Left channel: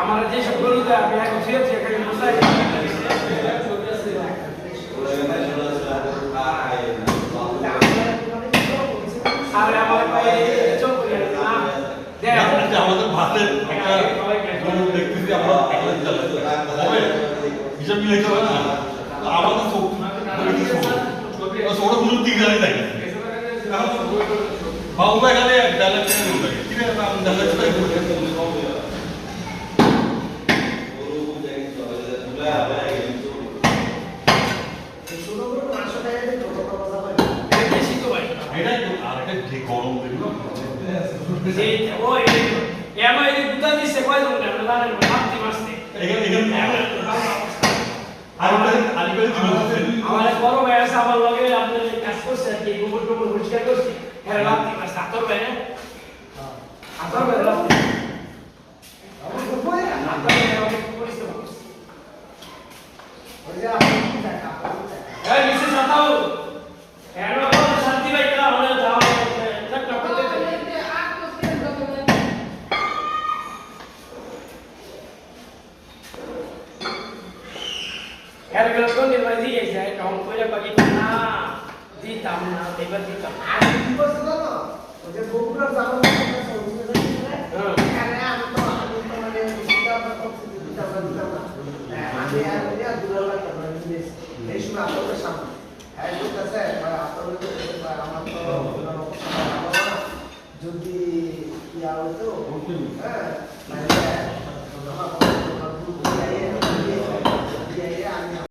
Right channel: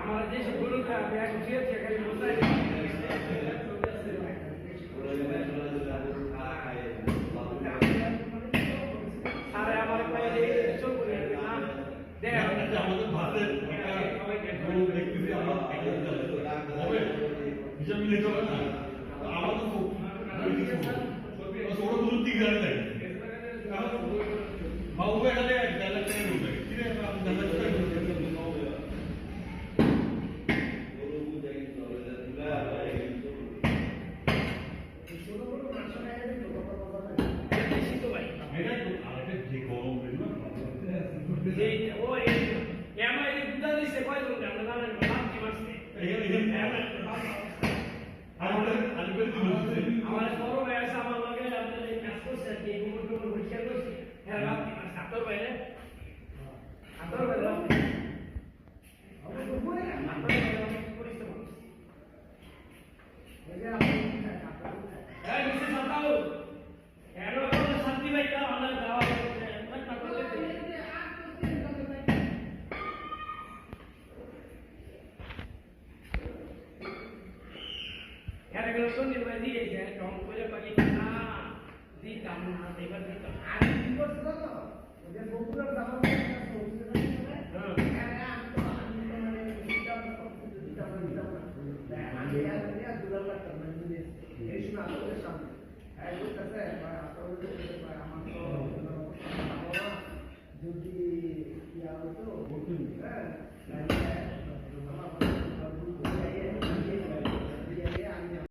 আমার যেসব গরুটা আমি এখন ছিঁড়েছি এখানে মশাই আরে আমার পায়ে চোখ করে আমাদের ভাতের একটা গরু দেখতেছি আমরা একলা হবে হিসাব মিলাইতে হবে না আমাদের ছোট দুজন তিন গাড়ি থাকে বাবু এখানে ডালা কিনে গরু থাকে কিনে ডালা গরম আমার বড় ভাই আছে আমার লগে আপনার কাজ করছে আর কি গোবর টোবর পরিষ্কার করছে হ্যাঁ রাত্রি মাস আতর ভাই না আতর ভাই রাত্রি আমার তো বই না আতর ভাই পরিষ্কার করছে ওই যে আপনি টাকা এই মিসেস আতাও হ্যাঁ শান্তি ভাই কা হলে যাও একটা করতে यार गलत तो निर्वाही ऐसा है काम कोई लगा कि ना जी तामना देवर जी का आज दिवस ना मुझे गोपुरा जाना है हां अरे हम तो मैंने सीधा पर सीधा आगे यार ये दुलाला करना है इसमें आप लोग सामने है जो कैसे है पर आप लोग तो हम तो যদি ইয়া হতো হ্যাঁ মানে